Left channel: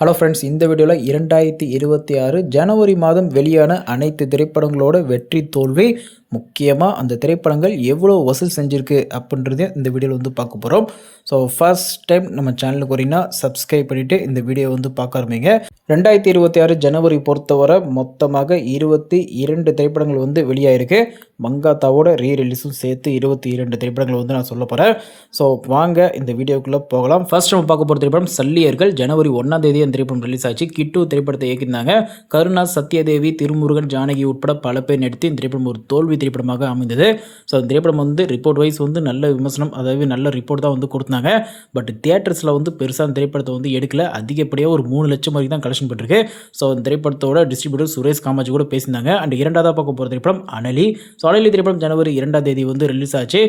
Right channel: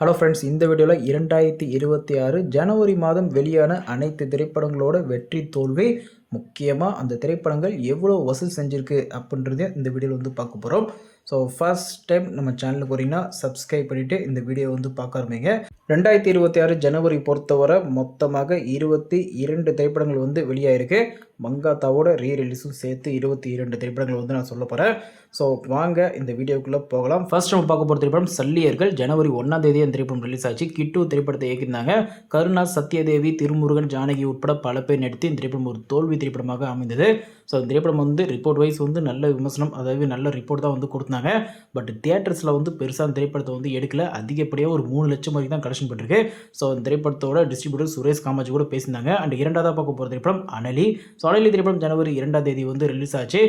Hello friends இந்த வீடியோவில் இரண்டாயிரத்தி இருபத்தி ஆறு ஜனவரி மாதம் வெளியான அனைத்து திரைப்படங்களோட வெற்றி தோல்வி முக்கியமாக அந்த திரைப்படங்கள் எவ்வளோ வசூல் செஞ்சுருக்கு அப்படின்றதே இந்த வீடியோவில் வந்து பார்க்க போகிறோம் ஸோ ஃபர்ஸ்ட் டைம் நம்ம சேனலுக்கு வரீங்கன்னா சப்ஸ்கிரைப் பண்ணிவிட்டு இந்த வீடியோ வந்து பார்க்க ஆரம்பிங்க. ரெண்டாயிரத்தி இருபத்தி ஆறு ஜனவரி பொறுத்தவரை மொத்தமாக இருபத்தி இரண்டு திரைப்படங்கள் வந்து வெளியாயிருக்கு. மங்காத்தாவோட ரீ ரிலீஸும் சேர்த்து இருபத்தி இரண்டு திரைப்படங்கள் வந்து நான் சொல்ல போகிறேன் ஸோ வாங்க இந்த வீடியோக்குள்ளே போகலாம். ஃபர்ஸ்ட் நம்ம பார்க்க போகிற திரைப்படம் சல்லியர்கள். ஜனவரி ஒன்றாம் தேதி அந்த திரைப்படம் ரிலீஸ் ஆச்சு. கிட்டு திரைப்படத்தை இயக்கியிருந்தாங்க. கருணா சத்யதேவி திருமுருகன் ஜானகி உட்பட பல பேர் நடித்து இந்த திரைப்படம் ஒரு தோல்வி திரைப்படமாக அமைந்தது. ஸோ அந்த திரைப்படம் வந்து ரிப்போர்ட் வைஸ் வந்து நல்ல விமர்சனம் அதாவது நல்ல ரிப்போர்ட் தான் வந்து கொடுத்தாங்க. பட் தியேட்டர்ஸில் வந்து பெருசாக அந்த திரைப்படத்தை வந்து எடுக்கல. அதிகப்படியாக ஒரு மூணு லட்சம் வரைக்கும் தான் கலெக்ஷன் பண்ணிருக்கு ஸோ அந்த திரைப்படத்தோட டிஸ்ட்ரிபியூட்டர் சுரேஷ் காமாஜி கூட பேசியிருந்தாங்க. அண்ட் இரண்டாவதாக பார்க்க போகிற திரைப்படம் அனலி. ஸோ அனலி திரைப்படம் ஜனவரி இரண்டாம் தேதி வந்து ரிலீஸ் ஆச்சு.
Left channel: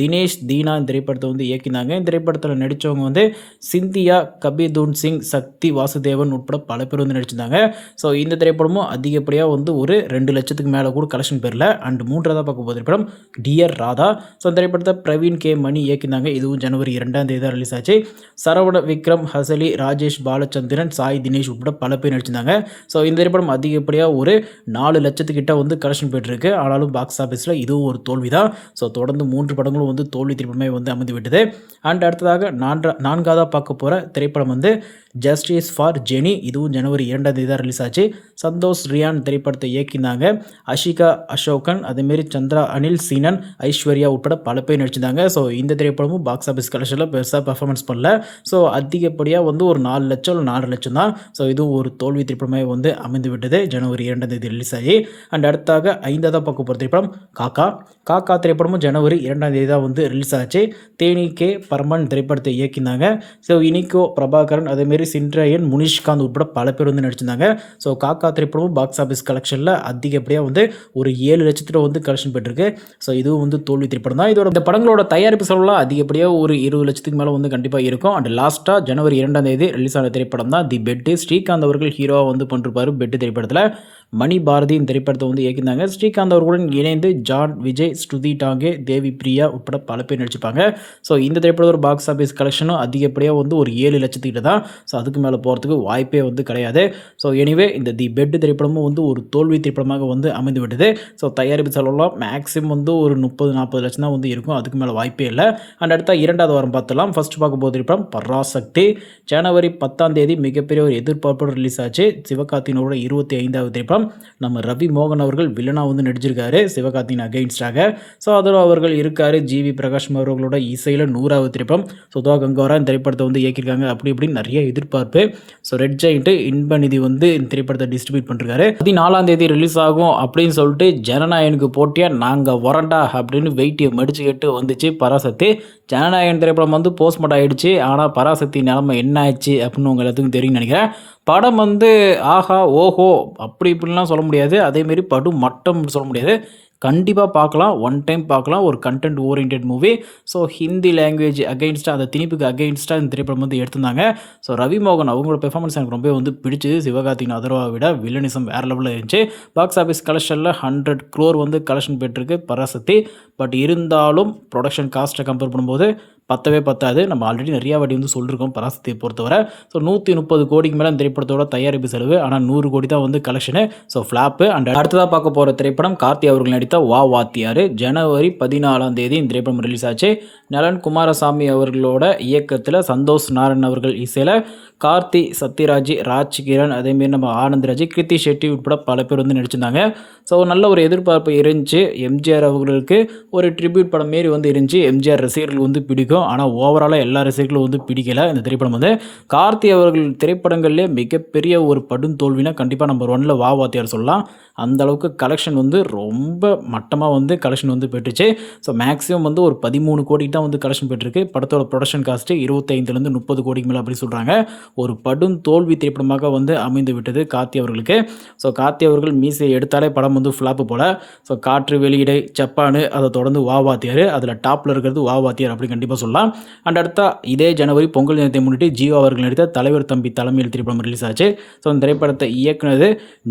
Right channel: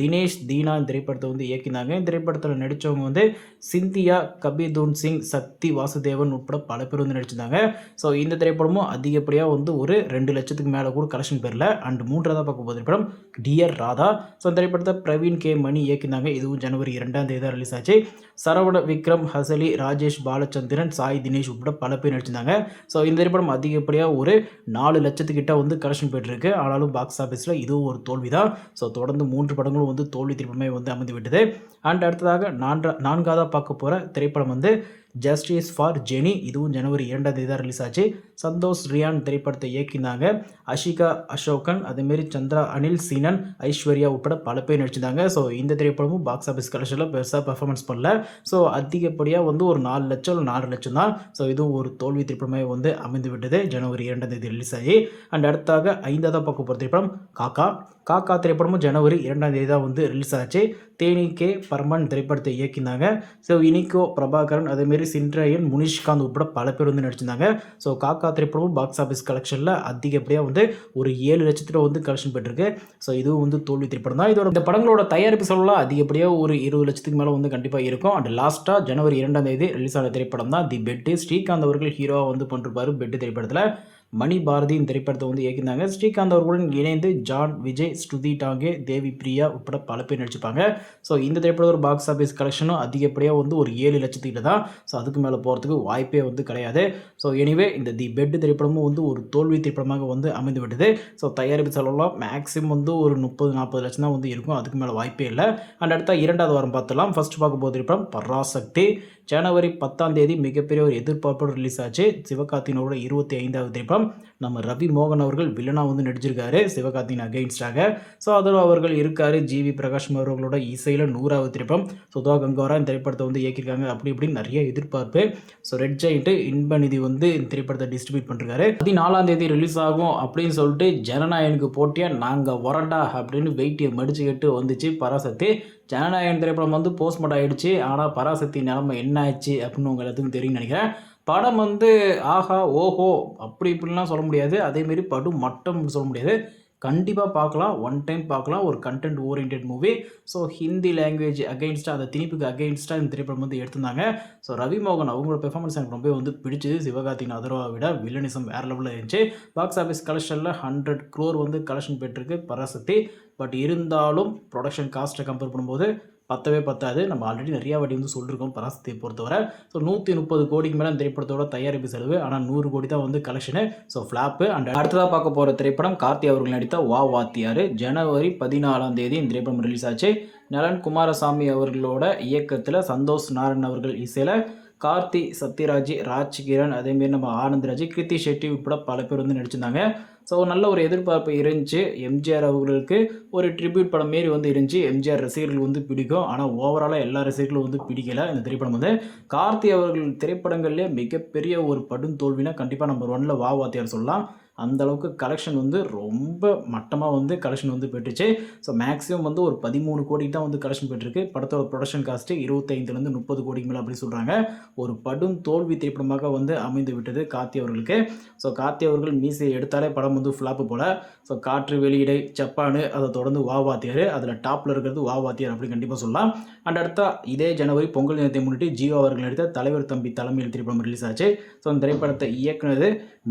தினேஷ் தீனா இந்த திரைப்படத்தை வந்து இயக்கினாங்க இந்த திரைப்படத்தில் நடித்தவங்க வந்து சிந்தியா கபிதூன் சிங் சக்தி வாசுதேவன் உட்பட பல பேர் வந்து நடிச்சிருந்தாங்க. ஸோ இந்த திரைப்படமும் அதிகப்படியாக வந்து ஒரு ரெண்டு லட்சத்துக்கு மேலே கூட கலெக்ஷன் பெறல. அண்ட் மூன்றாவதாக பார்க்க போகிற படம் டியர் ராதா. ஸோ திரைப்படத்தை பிரவீன் கே மணி இயக்கினாங்க. இதுவும் ஜனவரி இரண்டாம் தேதி தான் ரிலீஸ் ஆச்சு. சரவண விக்ரம் ஹசலி ராஜேஷ் பாலச்சந்திரன் சாய் தினேஷ் உட்பட பல பேர் நடிச்சிருந்தாங்க. ஸோ இந்த திரைப்படம் அதிகப்படியாக ஒரு நாலு லட்சத்துக்கிட்ட வந்து கலெக்ஷன் பெற்றிருக்கு ஆனாலும் பாக்ஸ் ஆஃபீஸில் இதுவும் ஒரு தோல்வி தான் ஸோ தொடர்ந்து மூன்று படங்களும் வந்து தோல்வி திரைப்படமே வந்து அமைந்து விட்டது அண்ட் அடுத்ததாக நான்கா நான்காவதாக பார்க்க போகிற திரைப்படம் வந்து ஜஸ்டிஸ் ஃபார் ஜெனி இதுவும் ஜனவரி இரண்டாம் தேதி தான் ரிலீஸ் ஆச்சு. சந்தோஷ் ரியான் திரைப்படத்தை இயக்கினாங்க. அஷிகா அசோகன் அதேமாரி சந்திரா அனில் சீனன் ஐஸ்வர்யா உட்பட பல பேர் நடிச்சிருந்தாங்க. ஸோ இந்த திரைப்படமும் பாக்ஸ் ஆஃபீஸ் கலெக்ஷனில் பெருசாக பர்ஃபார்மன்ஸ் பண்ணல. ஸோ அதிகப்படியாக வந்து ஒரு நாலு லட்சம் இல்லை நாலு லட்சம் தான். ஸோ இதுவும் ஒரு தோல்வி திரைப்படமே வந்து அமைந்து விட்டது ஜனவரி இரண்டாம் தேதி ரிலீஸ் ஆகி. அண்ட் அடுத்தாக ஐந்தாவது பார்க்க போகிற திரைப்படம் காக்கா. காக்கா திரைப்படமும் ஜனவரி இரண்டாம் தேதி தான் வந்து ரிலீஸ் ஆச்சு. தேனி கே பர்மன் திரைப்படத்தை இயக்கினாங்க ஸோ இனிக்கோ பிரபாகரன் அதேமாரி சின்ராயன் முனிஷ்காந்த் உட்பட பல பேர் வந்து நடிச்சிருந்தாங்க. ஸோ காக்கா திரைப்படமும் பாக்ஸ் ஆஃபீஸ் கலெக்ஷனில் அதிகப்படியாக வந்து ஒரு ஏழு லட்சத்தில் வந்து கலெக்ஷன் பெற்றிருக்கு. ஸோ இதுவும் வந்து தோல்வி திரைப்படம் தான். இதோட இந்த படங்களோட தயாரிப்பு செலவுலாம் அதிகப்படியாக ஒரு இருபது லட்சத்துக்கு மேலே வந்து கண்டிப்பாக இருக்கும். அண்ட் லாஸ்ட்டாக ஜனவரி இரண்டாம் தேதி ரிலீஸ் ஆன திரைப்படம் தான். தி பெட்டு ஸ்ரீகாந்த் அவர்கள் ஹீரோவாக வந்து பண்ணிருப்பார் பெட்டு திரைப்படத்தில். மணி பாரதி இந்த திரைப்படத்தை வந்து இயக்கியிருந்தாங்க. ஸ்ரீகாந்த் அவர்களுடன் இணைந்து ஜான் விஜய் ஸ்ருதி டாங்கே தேவி பிரியா உட்பட பல பேர் நடிச்சிருப்பாங்க. ஸோ இந்த திரைப்படம் ஒரு பாக்ஸ் ஆஃபீஸ் கலெக்ஷனும் அதிகப்படியாக வந்து ஒரு ஏழு லட்சத்துக்கிட்ட தான். ஸோ அதுக்கு மேலே போகிறதுக்கு வாய்ப்பே வந்து கிடையாது. ஸோ எனிவே இந்த தி பெட் திரைப்படமும் வந்து ஒரு தோல்வி திரைப்படமாக வந்து அமைந்து விட்டது ஸோ தயாரிப்பு செலவுலாம் மேக்ஸிமம் வந்து ஒரு முப்பது நாற்பது லட்சம் தான் வந்து இருக்கும். அதுக்கு மேலே வாய்ப்பே இல்லை. அண்ட் அடுத்த இரண்டாவது வாரம் பார்த்தலாம் ஃபர்ஸ்ட் பார்க்க போது திரைப்படம் பராசக்தி. ஜனவரி பத்தாம் தேதி மிகப்பெரிய ஒரு எதிர்பார்ப்போடு ரிலீஸ் ஆச்சு. சிவகார்த்தினோட இருபத்தி ஐந்தாவது திரைப்படம். நம்ம ரவி மோகன் அவர்கள் வில்லனாக வந்து நடிச்சிருக்காரு சிவகார்த்தின் அகைன்ஸ்டாக ஸோ அதில் அவர்கள் இருக்கார் ஜிவி பிரகாஷ் அவர்களோட இசையில் நூறாவது திரைப்படம். சுதா கங்கோரா இந்த திரைப்படத்தை வந்து இயக்கியிருக்காங்க அப்படி இப்படின்னு நிறைய எதிர்பார்ப்பு. ஸோ ரெட் ஜெயிண்ட்டு இன்பநிதி வந்து இந்த திரைப்படத்தை டிஸ்ட்ரிபியூட் பண்ணிருக்காரு. பதினாலாம் தேதி ரிலீஸ் ஆகும் அப்படின்னு சொல்லிட்டு ஜனநாயகனுக்கு போட்டியாக நாங்கள் வரண்டா அப்படின்னு வெயிட்டியை மடிச்சுக்கிட்டு வந்துச்சு பராசக்தி. ஜனநாயகன் திரைப்படம் வந்து போஸ்ட்மார்ட் ஆகிடுச்சு ஆனால் பராசக்தி நிலமை என்ன ஆச்சு அப்படின்னு உங்கள் எல்லாத்துக்கும் தெரியும்னு நினைக்கிறேன். படம் வந்து ஆஹா ஓஹோ அப்படி இப்படிலாம் சொல்ல முடியாது. அதேமாரி படம் மட்டம் சொல்ல முடியாது. கண்டிப்பாக பார்க்கலாம். ஒன் டைம் பார்க்கலாம். ஒரு content oriented movie so Hindi language அகெயின்ஸ்டாக அந்த திணிப்புக்கு அகெயின்ஸ்டாக இந்த திரைப்படம் வந்து எடுத்திருந்தாங்க. ஸோ ரவி மோகன் அவங்களோட பெர்ஃபார்மன்ஸ் எனக்கு ரொம்ப வந்து பிடிச்சது. சிவகார்த்திகன் அதர்வா விட வில்லனிசம் வேறு லெவலில் இருந்துச்சு. பாக்ஸ் ஆஃபீஸ் கலெக்ஷனில் ஹண்ட்ரட் க்ரோர் வந்து கலெக்ஷன் பெற்றிருக்கு பராசக்தி. பட் இருந்தாலும் ப்ரொடக்ஷன் காஸ்ட்டை கம்பேர் பண்ணும்போது பத்தவே பத்தாது. நம்ம ஆல்ரெடி நிறையா வாட்டி வந்து சொல்லியிருக்கோம் பராசக்தியை பொறுத்தவரை. ஸோ நூற்றி முப்பது கோடிக்கு மேலே இந்த திரைப்படத்தோட தயாரிப்பு செலவு. ஆனால் நூறு கோடி தான் வந்து கலெக்ஷனு ஸோ ஃப்ளாப்பு அண்ட் அடுத்ததாக பார்க்க போகிற திரைப்படம் கார்த்தி அவர்கள் நடித்த வா வாத்தியார். ஜனவரி பதினாலாம் தேதி இந்த திரைப்படம் ரிலீஸ் ஆச்சு. நலன் குமாரசாமி அவர்களோட இயக்கத்தில் சந்தோஷ் நாராயண் அவர்கள் இசையில் கார்த்தி சத்யராஜ் ராஜ் கிரண் அதேமாரி நம்ம ஆனந்த்ராஜ் கிருத்தி ஷெட்டி உட்பட பல பேர் வந்து நடிச்சிருந்தாங்க. ஸோ நல்ல ஒரு எதிர்பார்ப்பு இருந்துச்சு. எம்ஜிஆர் அவர்களுக்கு ஒரு ட்ரிபியூட் படம் மாரி வந்து இருந்துச்சு. எம்ஜிஆர் ரசிகர்கள் வந்து பிடிக்கும். ஆனால் ஓவராலாக எல்லா ரசிகர்களும் வந்து பிடிக்கல இந்த திரைப்படம் வந்து. கார்த்தி அவர்கள் திரைப்படங்கள்லேயே மிகப்பெரிய ஒரு படும் தோல்வினா கண்டிப்பாக நம்பர் ஒன்னில் வா வாத்தியார் சொல்லலாம். அந்த அளவுக்கு கலெக்ஷன் வந்து ரொம்ப மட்டமாக வந்து கலெக்ஷன் வந்து பெற்றுச்சு ஸோ மேக்ஸிமம் வந்து ஒரு பதிமூணு கோடிக்கு தான் வந்து கலெக்ஷன் பெற்றிருக்கு படத்தோட ப்ரொடக்ஷன் காஸ்ட்டு இருபத்தைந்துலேருந்து முப்பது கோடிக்கு மேலே அப்படின்னு சொல்கிறாங்க ஒரு படும் தோல்வி திரைப்படமாக வந்து அமைந்து விட்டது கார்த்தி அவர்களுக்கு. ஸோ கார்த்தி அவர்கள் மீசையை எடுத்தாலே படம் வந்து ஃப்ளாப்பு போல். ஸோ காற்று வெளியிடை ஜப்பானு அதை தொடர்ந்து வா வாத்தியார் அதில் டாப்பில் இருக்கிறது வா வாத்தியார் அப்படி கண்டிப்பாக சொல்லலாம். அண்ட் அடுத்தா இதே ஜனவரி பொங்கல் தினத்தை முன்னிட்டு ஜியோ அவர்கள் நடித்த தலைவர் தம்பி தலைமையில் திரைப்படம் ரிலீஸ் ஆச்சு. ஸோ அந்த திரைப்படத்தை இயக்குனது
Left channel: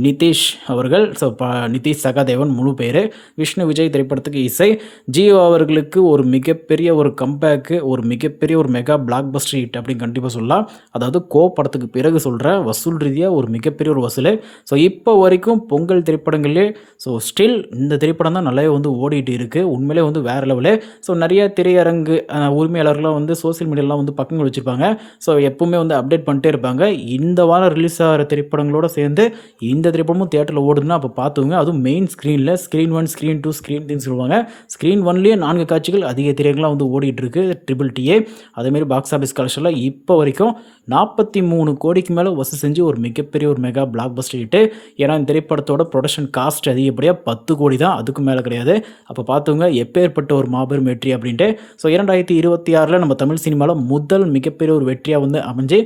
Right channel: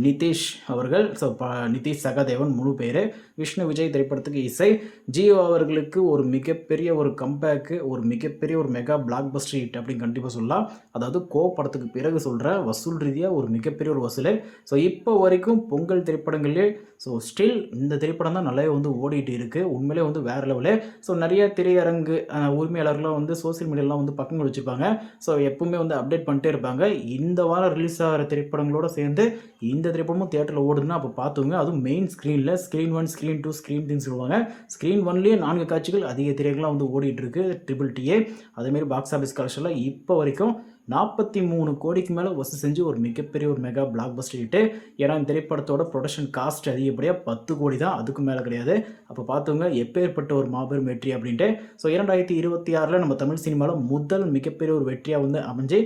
நிதிஷ் அவர்கள். ஸோ ப நிதிஷ் சகாதேவன் முழு பேர். விஷ்ணு விஜய் திரைப்படத்துக்கு இசை. ஜியோ அவர்களுக்கு ஒரு மிகப்பெரிய ஒரு கம்பேக்கு ஒரு மிகப்பெரிய ஒரு மெகா பிளாக் பஸ்டர் ஹிட் அப்படின்னு கண்டிப்பாக சொல்லலாம். அதாவது கோ படத்துக்கு பிறகு சொல்கிற வசூல் ரீதியாக ஒரு மிகப்பெரிய ஒரு வசூல். ஸோ இப்போ வரைக்கும் பொங்கல் திரைப்படங்களே ஸோ ஸ்டில் இந்த திரைப்படம் தான் நல்லாவே வந்து ஓடிட்டு இருக்குது உண்மையிலே வந்து வேறு லெவலு ஸோ நிறைய திரையரங்கு அஹ், உரிமையாளர்கள்லாம் வந்து சோஷியல் மீடியாலாம் வந்து பக்கங்கள் வச்சுருப்பாங்க. ஸோ எப்பவுமே வந்து அப்டேட் பண்ணிட்டே இருப்பாங்க. இந்த வாரம் ரிலீஸ் ஆகிற திரைப்படங்களோட சேர்ந்து இந்த திரைப்படமும் தேட்டரில் ஓடுதுன்னா அப்போ பார்த்துங்க அதுவும் மெயின் ஸ்க்ரீனில் screen one screen two screen த்ரீன்னு சொல்லுவாங்க. ஸ்க்ரீன் ஒன்லேயே நான்கு காட்சிகள் அதிக திரைகள்லாம் வந்து ஓடிட்டுருக்கு ட்ரிபிள் டிஏ அதேமாரி பாக்ஸ் ஆஃபீஸ் கலெக்ஷனில் இப்போ வரைக்கும் நாற்பத்தி மூணு கோடிக்கு மேலே வசூல் செஞ்சு ஒரு மிகப்பெரிய ஒரு மெகா பிளாக் பஸ்டர் ஹிட்டு ஏன்னா இந்த திரைப்படத்தோட ப்ரொடக்ஷன் காஸ்ட் அதிகப்படியாக பத்து கோடி தான். அதுக்கு மேலே கிடையாது. அப்போ பார்த்துங்க எப்பேற்பட்ட ஒரு மாபெரும் வெற்றி அப்படின்ட்டு. ஸோ இரண்டாயிரத்தி இருபத்தி ஆறில் நம்ம தமிழ் சினிமாவில் முதல் மிகப்பெரிய ஒரு வெற்றியாக வந்து அமைஞ்சு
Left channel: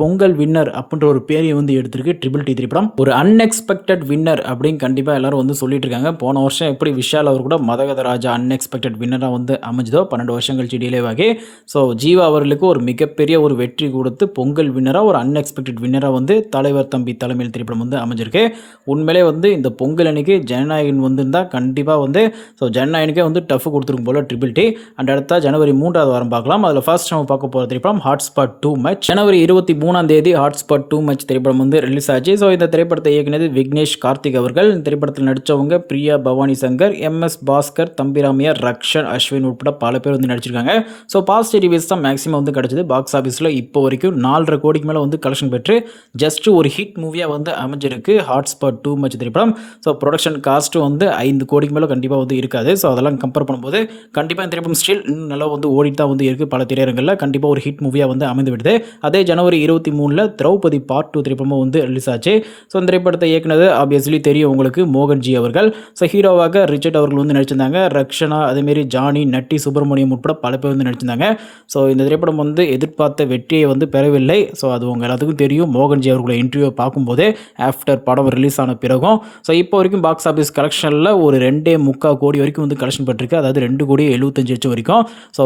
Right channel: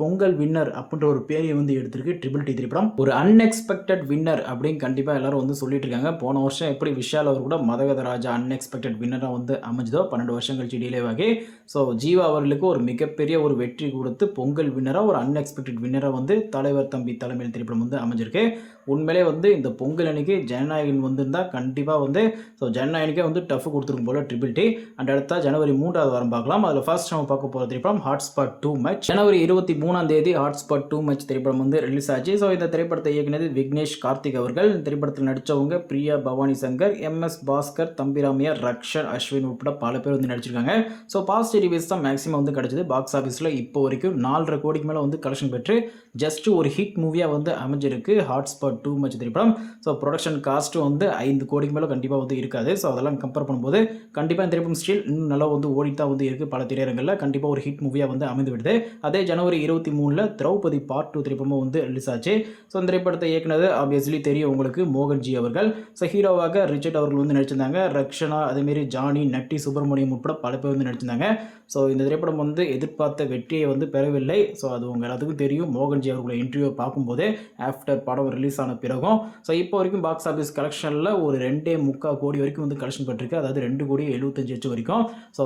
பொங்கல் வின்னர் அப்படின்ற ஒரு பேரையை வந்து எடுத்திருக்கு ட்ரிபிள் டி திரைப்படம். ஒரு அன்எக்ஸ்பெக்டட் வின்னர் அப்படின்னு கண்டிப்பாக எல்லாரும் வந்து சொல்லிட்டு இருக்காங்க போன வருஷம் எப்படி விஷால் அவர் கூட மதகத ராஜா அன்எக்ஸ்பெக்டட் வின்னராக வந்து அமைஞ்சதோ பன்னெண்டு வருஷம் கழிச்சு டிலே ஸோ ஜீவா அவர்களுக்கு ஒரு மிகப்பெரிய ஒரு வெற்றி கொடுத்து பொங்கல் வின்னராக ஒரு அன்எக்ஸ்பெக்டட் வின்னராக வந்து தலைவர் தம்பி தலைமையில் திரைப்படம் வந்து அமைஞ்சிருக்கு. உண்மையிலே வந்து இந்த பொங்கல் அன்னைக்கு ஜனநாயகன் வந்திருந்தால் கண்டிப்பாக வந்து ஸோ ஜனநாயகனுக்கே வந்து டஃப் கொடுத்துருக்கும் போல ட்ரிபிள் டி அண்ட் அடுத்த ஜனவரி மூன்றாவது வாரம் பார்க்கலாம். அதில் ஃபர்ஸ்ட் நம்ம பார்க்க போகிற திரைப்படம் ஹாட்ஸ்பாட் டூ மேட்ச் ஜனவரி இருபத்தி மூணாம் தேதி ஹாட்ஸ்பாட் டூ மச் திரைப்படம் வந்து ரிலீஸ் ஆச்சு. ஸோ இந்த திரைப்படத்தை இயக்குனது விக்னேஷ் கார்த்திக் அவர்கள். இந்த திரைப்படத்தில் நடித்தவங்க பிரியா பவானி சங்கர் எம்எஸ் பாஸ்கர் தம்பிராமியா ரக்ஷன் அஸ்வின் உட்பட பல பேர் வந்து நடிச்சிருக்காங்க. ஸோ பாசிட்டிவ் ரிவ்யூஸ் தான் மேக்ஸிமம் வந்து கிடச்சிது. பாக்ஸ் ஆஃபீஸில் இப்போ வரைக்கும் நாலரை கோடிக்கு மேலே வந்து கலெக்ஷன் பெற்று ஜஸ்ட் ஒரு ஹிட் மூவியாக வந்து அமைஞ்சிருக்கு ஹாட்ஸ்பாட் டூ மச் திரைப்படம். ஸோ ப்ரொடக்ஷன் காஸ்ட்டு வந்து ஐந்து கோடிக்கு மேலே கண்டிப்பாக வந்து இருக்காது. ஸோ அதெல்லாம் கம்பேர் பண்ணும்போது கண்டிப்பாக இந்த திரைப்படம் ஸ்டில் நல்லா வந்து ஓடிட்டு தான் வந்து இருக்குது பல திரையரங்களில் கண்டிப்பாக ஒரு ஹிட் மூவியாக வந்து அமைந்து விடுது அதே ஜனவரி இருபத்தி மூணில் திரௌபதி பார்ட் டூ திரைப்படமும் வந்து ரிலீஸ் ஆச்சு. ஸோ அந்த திரைப்படத்தை இயக்குனது ஆப்வியஸ்லி தெரியும் உங்களுக்கு மோகன்ஜி அவர்கள். ஸோ ஹீரோவாக ரிச்சர்ட் அவர்கள் வந்து நடிச்சிருந்தாங்க. ரக்ஷனா அதேமாரி ஜானி நட்டி சுப்பிரமணியம் உட்பட பல பேர் வந்து நடிச்சிருந்தாங்க. ஸோ இந்த திரைப்படம் வந்து எதிர்பார்த்த வெற்றியை வந்து பெறவில்லை. ஸோ அது உங்கள் எல்லாத்துக்கும் தெரியும். மோகன்ஜி அவர்களை இன்டர்வியூ பார்க்கும்போதே ஆஃப்டர் படம் ரிலீஸ் ஆன பிறகும். ஸோ இப்போ வரைக்கும் பாக்ஸ் ஆஃபீஸ் கலெக்ஷனில் ஒரு ரெண்டே முக்கால் கோடி வரைக்கும் வந்து கலெக்ஷன் பட்டிருக்கு. அதாவது ரெண்டு கோடி எழுபத்தஞ்சு லட்சம் வரைக்கும். ஸோ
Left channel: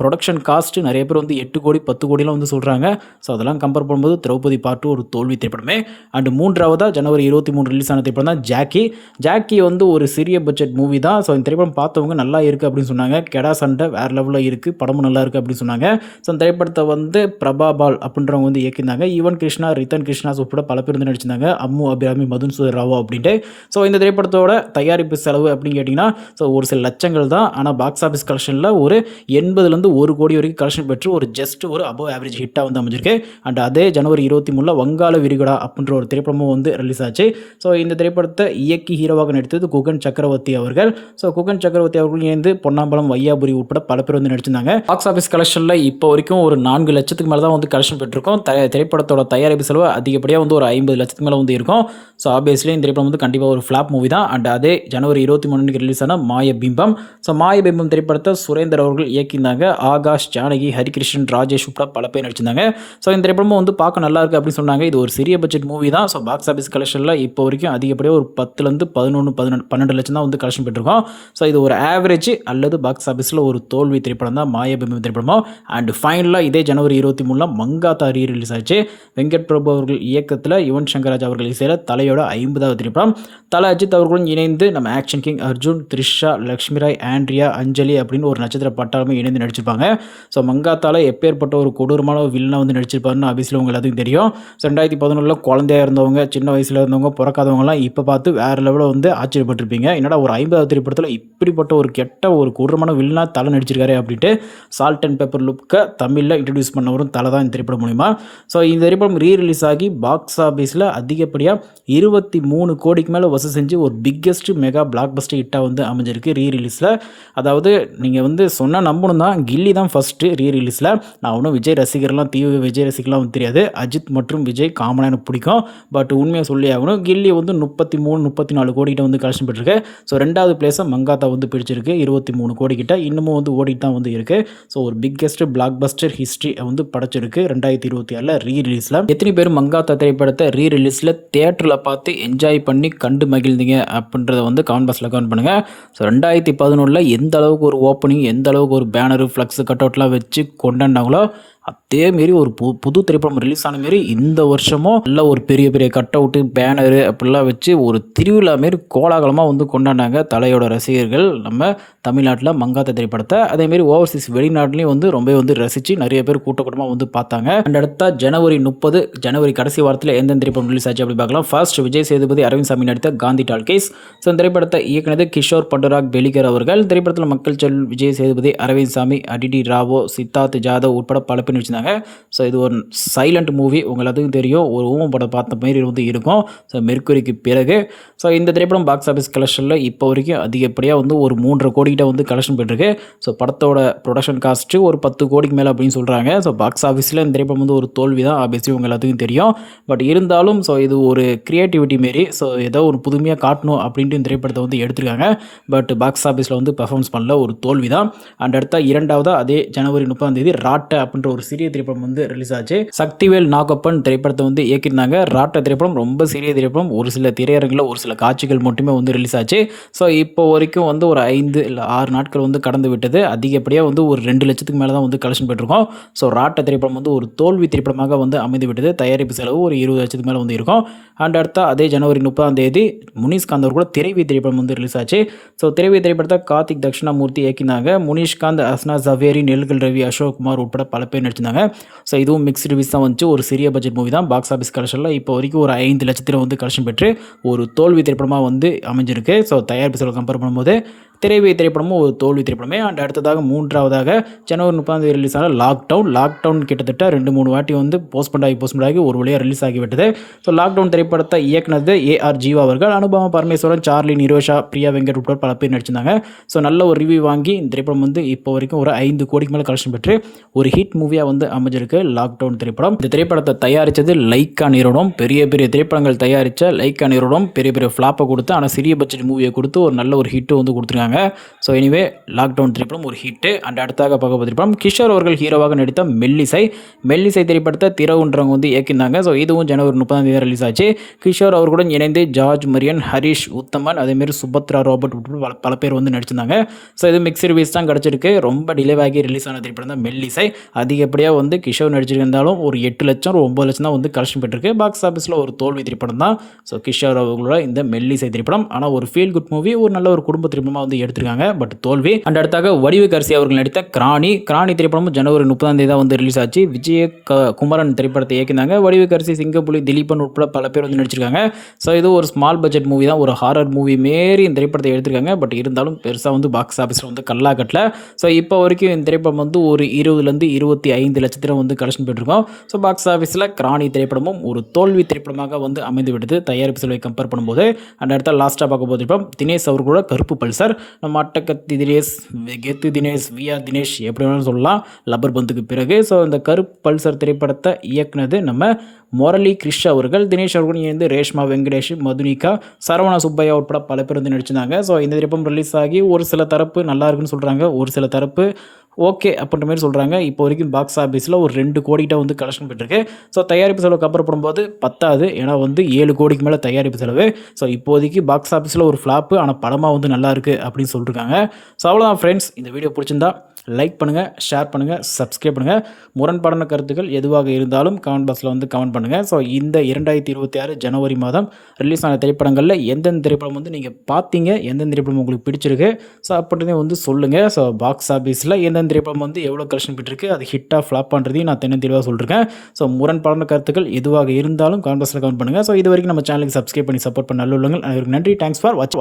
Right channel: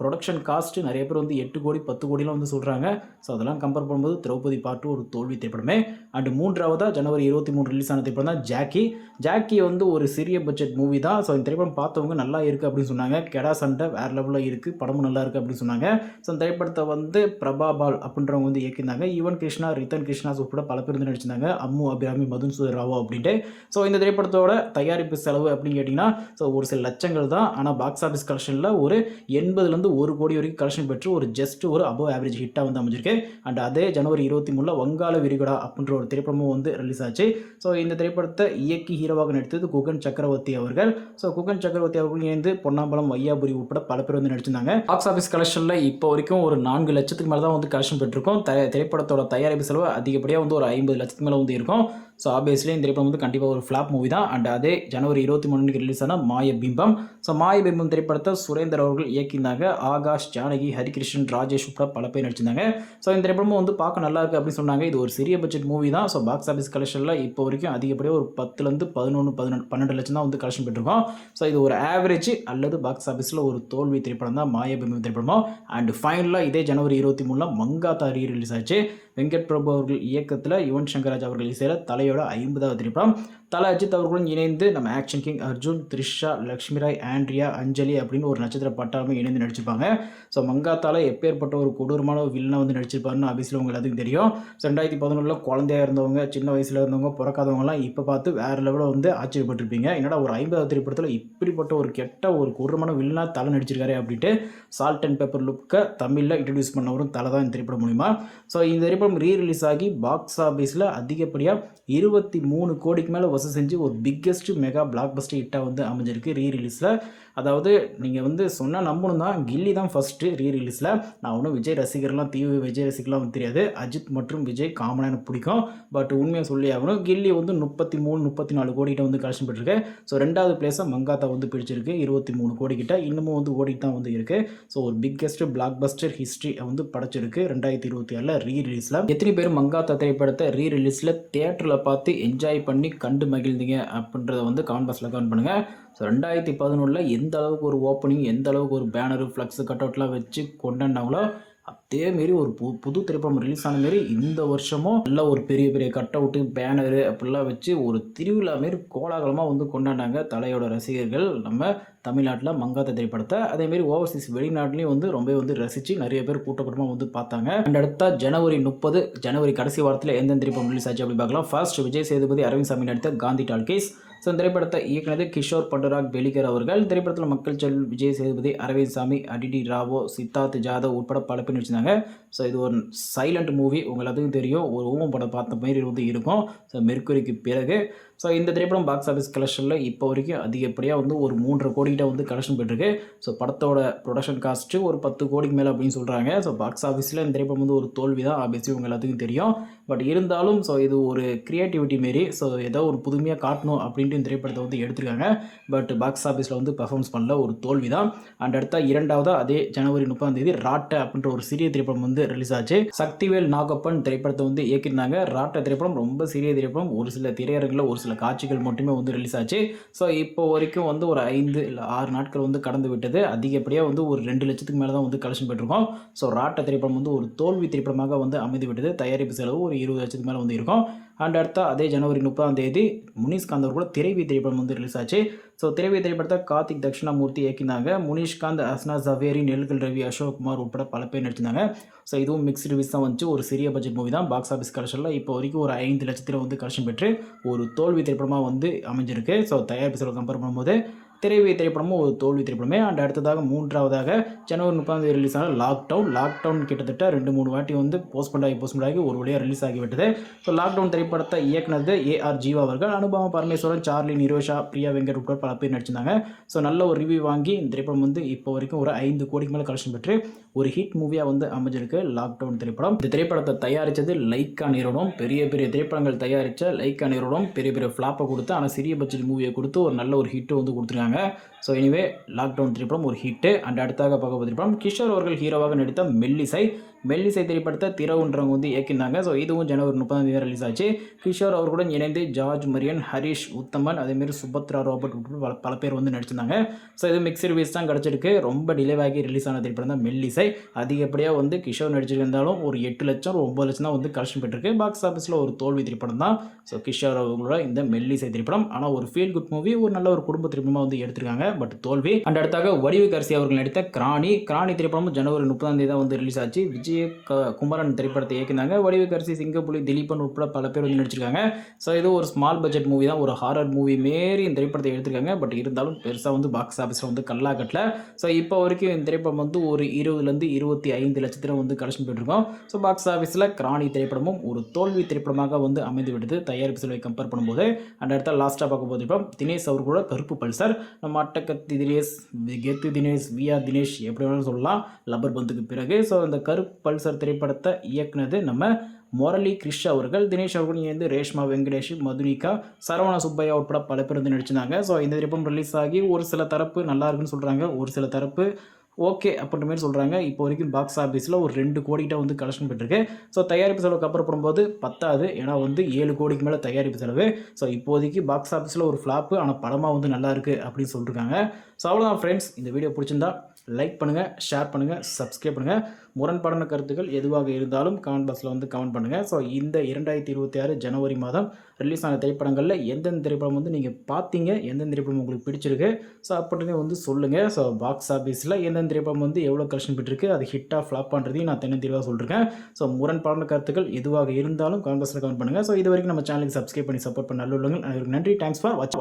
ப்ரொடக்ஷன் காஸ்ட் நிறைய பேர் வந்து எட்டு கோடி பத்து கோடிலாம் வந்து சொல்கிறாங்க ஸோ அதெல்லாம் கம்பேர் பண்ணும்போது திரௌபதி பார்ட்டு ஒரு தோல்வி திரைப்படமே. அண்ட் மூன்றாவதாக ஜனவரி இருபத்தி மூணு ரிலீஸ் ஆன திரைப்படம் தான் ஜாக்கி ஜாக்கி வந்து ஒரு சிறிய பட்ஜெட் மூவி தான். ஸோ இந்த திரைப்படம் பார்த்தவங்க நல்லா இருக்குது அப்படின்னு சொன்னாங்க. கெடா சண்டை வேறு லெவலில் இருக்குது படமும் நல்லா இருக்குது அப்படின்னு சொன்னாங்க. ஸோ இந்த திரைப்படத்தை வந்து பிரபா பால் அப்படின்றவங்க வந்து இயக்கியிருந்தாங்க. ஈவன் கிருஷ்ணா ரித்தன் கிருஷ்ணா உட்பட பல பேர் வந்து நடிச்சிருந்தாங்க. அம்மு அபிராமி மதுன் சுதர் ராவோ அப்படின்ட்டு. ஸோ இந்த திரைப்படத்தோட தயாரிப்பு செலவு அப்படின்னு கேட்டிங்கன்னா ஸோ ஒரு சில லட்சங்கள் தான். ஆனால் பாக்ஸ் ஆஃபீஸ் கலெக்ஷனில் ஒரு எண்பதுலேருந்து ஒரு கோடி வரைக்கும் கலெக்ஷன் பெற்று ஒரு ஜஸ்ட் ஒரு அபவ் ஆவரேஜ் ஹிட்டாக வந்து அமைஞ்சிருக்கு. அண்ட் அதே ஜனவரி இருபத்தி மூணில் வங்காள விரிகுடா அப்படின்ற ஒரு திரைப்படமும் வந்து ரிலீஸ் ஆச்சு. ஸோ இந்த திரைப்படத்தை இயக்கி ஹீரோவாக நடித்தது குகன் சக்கரவர்த்தி அவர்கள். ஸோ குகன் சக்கரவர்த்தி அவர்கள் இணைந்து பொன்னாம்பலம் வையாபுரி உட்பட பல பேர் வந்து நடிச்சிருந்தாங்க. பாக்ஸ் ஆஃபீஸ் கலெக்ஷனில் இப்போ வரைக்கும் ஒரு நான்கு லட்சத்துக்கு மேலே தான் வந்து கலெக்ஷன் பெற்றிருக்கோம். திரைப்படத்தோட தயாரிப்பு செலவு அதிகப்படியாக வந்து ஒரு ஐம்பது லட்சத்துக்கு மேலே வந்து இருக்கும். ஸோ ஆப்வியஸ்லி இந்த திரைப்படம் வந்து கண்டிப்பாக ஒரு ஃப்ளாப் மூவி தான். அண்ட் அதே ஜனவரி இருபத்தி மூணுக்கு ரிலீஸ் ஆன மாய பிம்பம் ஸோ மாய பிம்பம் திரைப்படத்தை சுரேந்தர் அவர்கள் இயக்கியிருந்தாங்க. ஆகாஷ் ஜானகி ஹரிகிருஷ்ணன் ராஜேஷ் உட்பட பல பேர் நடிச்சிருந்தாங்க. ஸோ இந்த திரைப்படமும் வந்து பார்க்க நல்லா இருக்குது அப்படின்னு சொன்னாங்க. இது ஒரு சிறிய பட்ஜெட் மூவி தான். ஸோ பாக்ஸ் ஆஃபீஸ் கலெக்ஷனில் இப்போ வரைக்கும் அதிகப்படியாக ஒரு பத்துலேருந்து பதினொன்று பதினெண்டு பன்னெண்டு லட்சம் தான் வந்து கலெக்ஷன் பெற்றிருக்கோம் ஸோ இது ஒரு ஆவரேஜ் அல்லது பாக்ஸ் ஆஃபீஸில் ஒரு தோல்வி திரைப்படம் தான். மாய பிம்பம் திரைப்படமும் அண்ட் ஃபைனலாக இதே ஜனவரி இருபத்தி மூணில் மங்காத்தா ரீ ரிலீஸ் ஆச்சு. வெங்கட் பிரபு அவர்கள் இயக்கத்தில் யுவன் சங்கராஜ் ராஜ் அவர்கள் இசையில் ஐம்பதாவது திரைப்படம் தலை அஜித் அவர்களும் இணைந்து நம்ம ஆக்ஷன் கிங் அர்ஜுன் த்ரிஷா லக்ஷ்மி ராய் ஆண்ட்ரியா அஞ்சலி அப்படின்னு ஒரு நட்சத்திர பட்டாளமே இணைந்து நடிச்சிருப்பாங்க. ஸோ மங்காத்தால எப்பேற்பட்ட ஒரு கொடூரமான வில்லனை வந்து நடிச்சிருப்பாருன்னு ஆஃபீஸில் உங்க எல்லாத்துக்கும் தெரியும். ஸோ ரெண்டாயிரத்தி பதினொன்றில் குழந்தையா இருந்தவங்க சின்ன வயசில் இருந்தவங்க பிறக்காதவங்களாம் இப்போ பார்த்து வேறு லெவலில் வந்து ஆச்சரியப்பட்டிருப்பீங்க. என்னடா ஒரு ஐம்பதாவது திரைப்படத்தில் இப்படிப்பட்ட ஒரு கெட்ட ஒரு கொடூரமான வில்லனா தலை நடிச்சிருக்காரு அப்படின்ட்டு சால்ட் அண்ட் பேப்பர் லுக்கை தமிழில் இன்ட்ரடியூஸ் பண்ணவரும் தலை தான் இந்த திரைப்படம் மூலிமா ஸோ இந்த திரைப்படம் ரீ ரிலீஸ் ஆகி பாக்ஸ் ஆஃபீஸில் அதிகப்படியாக இருபத்தி மூணு கோடிக்கு மேலே வசூல் செஞ்சு ஒரு பிக்கெஸ்ட் மெகா பிளாக் பஸ்டர் ஹிட்டாக வந்து அமைஞ்சிருக்கு ரீ ரிலீஸில் அதாவது நீங்கள் வந்து சொன்னால் நம்பணும் தான் கில்லி தான் ஃபஸ்ட்டு ரீ ரிலீஸில் நான் ஒன்றும் விஜய் ரசிகர்லாம் தீவிர விஜய் ரசிகர்லாம் வந்து தெரியாது. அஜித் மற்றும் விஜய் காமனாக எனக்கு பிடிக்கும். பட் உண்மையாக சொல்லி ஆகணும் கில்லி வந்து முப்பத்தி மூணு முப்பத்தி நாலு கோடிக்கிட்ட வந்து கலெக்ஷன் பெற்றிருக்கு. ஸோ ரெண்டாவது பிளேஸை மங்காத்தா வந்து பிடிச்சிருக்கு இருபத்தி மூணு கோடிக்கிட்ட இன்னமும் வந்து ஓடிட்டு தான் வந்து இருக்குது ஸோ ஒரு பிக்கெஸ்ட் பிளாக் பஸ்டர் ஹிஸ்ட்ரி வந்து படைச்சிருக்கு ரெண்டாயிரத்தி இருபத்தி ஆறில் ரீ ரிலீஸில் எத்தனை பேர் மங்காத்தா திரைப்படத்தை ரீ ரிலீஸில் தேட்டரில் பார்த்து என்ஜாய் பண்ணி கண்டு மகிழ்ந்தீங்க அப்படின்றத வந்து கமெண்ட் பாக்ஸில் கமெண்ட் பண்ணுங்கள் ஸோ ரெண்டாயிரத்தி பதினொன்றில் எந்த அளவுக்கு ஒரு ஓப்பனிங் எந்த அளவுக்கு ஒரு பேனரு ஃப்ளக்ஸு கட் அவுட்லாம் வச்சு கொண்டாண்டாங்களோ அதேமாரி ஒரு பு புது திரைப்படம் ரிலீஸ் ஆன மாரி இந்த வருஷமும் நல்ல ஒரு பெரிய பெரிய கட் அவுட்டு பேனரு அப்படிலாம் வச்சு ஒரு திருவிழா மாரி கோலாகலமாக வந்து கொண்டாடினாங்க தலையோட ரசிகர்கள். நம்ம தமிழ்நாட்டில் மங்காத்த திரைப்படத்தை அதேமாரி ஓவர்சீஸ் வெளிநாட்டிலையும் வந்து ரொம்ப வந்து ரசித்து நிறைய பேர் கூட்டக்கூட்டமாக வந்து பார்த்தாங்க. அண்ட் அடுத்தா ஜனவரி முப்பது ஜனவரி கடைசி வாரத்தில் எந்தெந்த திரைப்படம் ரிலீஸ் ஆச்சு அப்படி பார்க்கலாம். ஃபர்ஸ்ட் விஜய் சேதுபதி அரவிந்த் சாமி நடித்த காந்தி டால்கேஸ் ஸோ இந்த திரைப்படத்தை இயக்குனது கிஷோர் பண்டுராக் பெலிகர் அவர்கள். திரைப்படத்தில் மக்கள் செல் விஜய் சேதுபதி அரவிந்த் சாமி அடிடி ராவோ சித்தார்த் ஜாதவ் உட்பட பல பேர் நடிச்சிருந்தாங்க. ஸோ இது ஒரு சைலண்ட் மூவி உங்களுக்கு எல்லாத்துக்கும் தெரியும். ஒரு ஊமம் படம் பார்த்த மாதிரி வந்து இருக்கும். ஸோ மெர்க்குரிக்கு பிறகு. ஸோ இந்த திரைப்படம் பாக்ஸ் ஆஃபீஸ் கலெக்ஷனில் இப்போ வரைக்கும் அதிகப்படியாக வந்து ஒரு மூன்றரை கோடிக்கிட்ட வந்து கலெக்ஷன் போயிட்டுருக்கு. ஸோ படத்தோட ப்ரொடக்ஷன் காஸ்ட்டு ஒரு பத்து கோடிக்கு மேலே அப்படின்னு சொல்கிறாங்க ஸோ பாக்ஸ் ஆஃபீஸில் இந்த திரைப்படம் வந்து ஒரு தோல்வி தான் ஆபியஸ்லி உங்கள் எல்லாத்துக்கும் தெரியும். பட் இருந்தாலும் ஸோ இது ஒரு க்ரியேட்டிவிட்டி மாரி ஸோ ஏதோ ஒரு புதுமையாக காட்டணும் அப்படின்ட்டு இந்த திரைப்படத்தை வந்து எடுத்திருக்காங்க. பட் பாக்ஸ் ஆஃபீஸில் வந்து பர்ஃபார்மன்ஸ் பண்ணல. ஒரு தோல்வி தான் அண்ட் அடுத்த இரண்டாவது அதே ஜனவரி முப்பதாம் தேதி ராட்டை அப்படின்ற ஒரு சிறிய திரைப்படம் வந்து ரிலீஸ் ஆச்சு. சக்திவேல் நாகப்பன் திரைப்படத்தை வந்து இயக்கியிருந்தாங்க. ராட்ட திரைப்படம் ரொம்ப சிறிய திரைப்படம். ஒரு சில திரையரங்கில் ஒரு சில காட்சிகள் மட்டுமே வந்து ரிலீஸ் ஆச்சு. ஸோ இப்போ வரைக்கும் வந்து ஒரு ஐந்து இல்லை ஆறு நாட்கள் வந்து கடந்து விட்டது. அதிகப்படியாக வந்து ஒரு ரெண்டு லட்சத்துக்கு மேலே தான் வந்து கலெக்ஷன் பெற்றிருக்கோம் ஸோ ராட்ட திரைப்படம் வந்து ஒரு தோல்வி திரைப்படமாக வந்து அமைந்து விட்டது. தயாரிப்பு செலவு ஒரு இருபது லட்சத்துக்கு மேலே வந்து இருக்கும். அண்ட் அடுத்த அதே ஜனவரி முப்பதாம் தேதி முனிஷ்காந்த் அவர் கூட திரைவி திரைப்படம் வந்து ரிலீஸ் ஆச்சு. ஸோ திரைவி திரைப்படத்தை கார்த்திக் தட்சிணாமூர்த்தி இயக்கினாங்க. முனிஷ்காந்த் அஸ்னா ஜவேரி நெல்கல் ரவி அசோக் குமார் உட்பட பல பேர் நடிச்சிருந்தாங்க. ஸோ இதுவும் மிக்ஸ் ரிவ்யூஸ் தான் வந்துச்சு. ஒரு சிறிய பட்ஜெட் மூவி தான். பாக்ஸ் ஆஃபீஸ் கலெக்ஷனில் இப்போ வரைக்கும் ஒரு ஐந்து லட்சத்தில் வந்து கலெக்ஷன் பெற்று ஒரு தோல்வி திரைப்படமாக வந்து அமைஞ்சிருக்கு. ஸோ தயாரிப்பு செலவு கம்பேர் பண்ணும்போது திரைவை திரைப்படமும் ஒரு தோல்வி திரைப்படமே. அண்ட் அடுத்ததாக மூன்றாவதாக ஜனவரி முப்பதாம் தேதி ரிலீஸ் ஆன லாக்டவுன் லாக்டவுன் கிட்டத்தட்ட ரெண்டு மூணு வாட்டி வந்து போஸ்ட்மெண்ட் ஆகி போஸ்ட்மெண்ட் ஆகி ஒரு வழியாக ரிலீஸ் ஆகிவிட்டது. ஸோ லாக்டவுன் திரைப்படத்தை இயக்குனது ஏஆர் ஜீவா அவர்கள் அனுபவம் பரமேஸ்வரன் சார்லி நிரோஷா பிரியா வெங்கட் உட்பட பல பேர் நடிச்சிருந்தாங்க. ஸோ நல்ல ஒரு ரிவ்யூ வாங்கி இந்த திரைப்படம் வந்து இப்போ வரைக்கும் ஒரு ஐந்து கோடிக்கு மேலே கலெக்ஷன் பெற்று ஒரு ஹிட் மூவியாக வந்து அமைஞ்சிருக்கு லாக்டவுன் திரைப்படம். இந்த திரைப்படத்தை தயாரித்தது லைக்கா நிறுவனம் பெரிய பெரிய திரைப்படங்கள் தயாரித்த லைக்கா நிறுவனம் பெரிய பெரிய ஃப்ளாப்பை கொடுத்து ஆனால் சிறிய பட்ஜெட் மூவியை கொடுத்து ஒரு நல்ல ஒரு ஹிட்டு வந்து கொடுத்துருக்காங்க. ஸோ எனிவே லாக்டவுன் திரைப்படம் ஒரு ஹிட்டு அண்ட் அடுத்தாக பார்க்க திரைப்படம் கிஷோர் அவர்கள் ஹீரோவாக நடித்த மெல்லிசை. மெல்லிசை திரைப்படத்தை திரவுன்றவங்க வந்து இயக்கியிருந்தாங்க ஸோ இதுவும் ஜனவரி முப்பதாம் தேதி ரிலீஸ் ஆச்சு. கிஷோர் அவர்களுடன் இணைந்து ஜார்ஜ் மரியன் ஹரிஷ் உத்தமன் அதேமாரி சுபத்ரா ராபர்ட் உட்பட பல பல பேர் வந்து நடிச்சிருந்தாங்க. ஸோ இது மிக்ஸ் ரிவ்யூஸ் தான் கிடச்சிருக்கு. ரொம்ப டிலேவாகி ரிலீஸ் ஆன திரைப்படம் தான் மெல்லிசை. அதிகப்படியாக வந்து கிஷோர் நடிச்சிருந்தாலும் ஒரு எட்டு லட்சம் ஒரு ஒம்பது லட்சம் தான் வந்து கலெக்ஷன் பெற்றிருக்கு. பாக்ஸ் ஆஃபீஸில் ஒரு தோல்வி திரைப்படம் தான். ஸோ கிஷோர் அவர்களோட இந்த மெல்லிசை திரைப்படம். ஆனால் ஒரு ஃபீல் குட் மூவி ஒரு நல்ல ஒரு குடும்ப திரைப்படமாக வந்து எடுத்திருக்காங்க. பட் தோல்வி. அண்ட் அடுத்தாக வடிவுக்கரசி அவர்கள் நடித்த கிராணி. கிராணி திரைப்படமும் ஜனவரி முப்பதாம் தேதி தான் வந்து ரிலீஸ் ஆச்சு. விஜய க குமரன் திரைப்படத்தை இயக்கினாங்க வடிவுக்கரசி சிங்கப்புலி திலீபன் உட்பட பல பேர் வந்து நடிச்சிருக்காங்க. ஸோ இது ஒரு ஸ்மால் பட்ஜெட் மூவி தான். ஒரு ஹாரர் மூவி மாரி இந்த திரைப்படத்தை எடுத்திருக்காங்க. பட் இருந்தாலும் பெருசாக வந்து பாக்ஸ் ஆஃபீஸில் வந்து கல்லா கட்டல ஸோ இப்போ வரைக்கும் இந்த திரைப்படம் வந்து ஒரு இருபதுலேருந்து இருபத்தி ஐந்து லட்சத்தில் வந்து கலெக்ஷன் போயிட்டுருக்கோம். ஸோ பாக்ஸ் ஆஃபீஸில் கிராணி திரைப்படமும் ஒரு தோல்வி திரைப்படமாக வந்து அமைந்து விடுது தயாரிப்பு செலவை கம்பேர் பண்ணும்போது. அண்ட் அடுத்த லாஸ்ட்டாக பார்க்க போது திரைப்படம் தினேஷ் அவர்களோட கருப்பு பல்சர். நம்ம அட்டக்கத்தி தினேஷ் கெத்து தினேஷ் விஆர் தினேஷ் எப்படி வேணாலும் சொல்லலாம். லப்பர் பந்துக்கு பிறகு. ஸோ இந்த கருப்பு பல்சர் திரைப்படத்தை இயக்குனது நம்ம முரளி கிருஷ் அவர்கள். தினேஷ் அவர்கள் இணைந்து ரேஷ்மா வெங்கடேஷ் மதுனிகா சரவண சுப்பையா உட்பட பல பேர் வந்து நடிச்சிருந்தாங்க. ஸோ இந்த திரைப்படம் ரிலீஸ் ஆகி ஒரு சில தரப்பு நல்லா இருக்குன்னு சொல்கிறாங்க ஒரு சில தரப்பு ஓகே அப்படின்ற மாதிரி சொல்கிறாங்க இப்போ வரைக்கும் பாக்ஸ் ஆஃபீஸில் ஒரு ரெண்டு கோடிக்கிட்ட வந்து கலெக்ஷன் பெற்றிருக்கு ஸோ தயாரிப்பு செலவு அப்புறம் போடும்போது பத்தாது. ஏன்னா வந்து ஏழு கோடிக்கு மேலே தயாரிப்பு செலவு. ஸோ இப்போதைக்கு பாக்ஸ் ஆஃபீஸில் ஒரு ஃப்ளாப்பு ஆனால் படமாக வந்து நல்லா இருக்குது அப்படின்னு சொல்லியிருக்காங்க ஸோ அவ்வளோதான் ஃப்ரெண்ட்ஸ் இந்த வீடியோ பிடிச்சிருந்தா லைக் பண்ணுங்கள் ஷேர் பண்ணுங்கள் சப்ஸ்கிரைப் பண்ணுங்கள் முரண்பாடான கருத்துக்கள் எதுவாக இருந்தாலும் கமெண்ட் பாக்ஸில் வந்து கமெண்ட் பண்ணுங்கள் ஸோ இந்த இரண்டாயிரத்தி இருபத்தி ஆறு ஜனவரி மாதம் ரிலீஸ் ஆன திரைப்படங்களில் எந்தெந்த திரைப்படம் வந்து நீங்கள் பார்த்தீங்க எந்தெந்த திரைப்படம் உங்களுக்கு பிடிச்சிருக்கு? ஸோ அப்படின்னே வந்து சொல்லுங்கள் ஸோ பாக்ஸ் ஆஃபீஸில் எந்தெந்த திரைப்படம் வந்து எவ்வளோ கலெக்ஷன் பெற்றிருக்கு? அது ஹிட்டாக ஃப்ளாப் பண்ணுறதையும் நான் தென்ன தெளிவாக சொல்லியிருக்கேன் ஸோ முரண்பாடான கருத்துக்கள் எதுவாக இருந்தாலும் கமெண்ட் பாக்ஸில் கமெண்ட் பண்ணுங்கள் ஸோ இது வரைக்கும் நம்ம சேனலுக்கு சப்ஸ்கிரைப் பண்ணி சப்போர்ட் பண்ண நல்ல உள்ளங்கள் நன்றி. Thanks for watch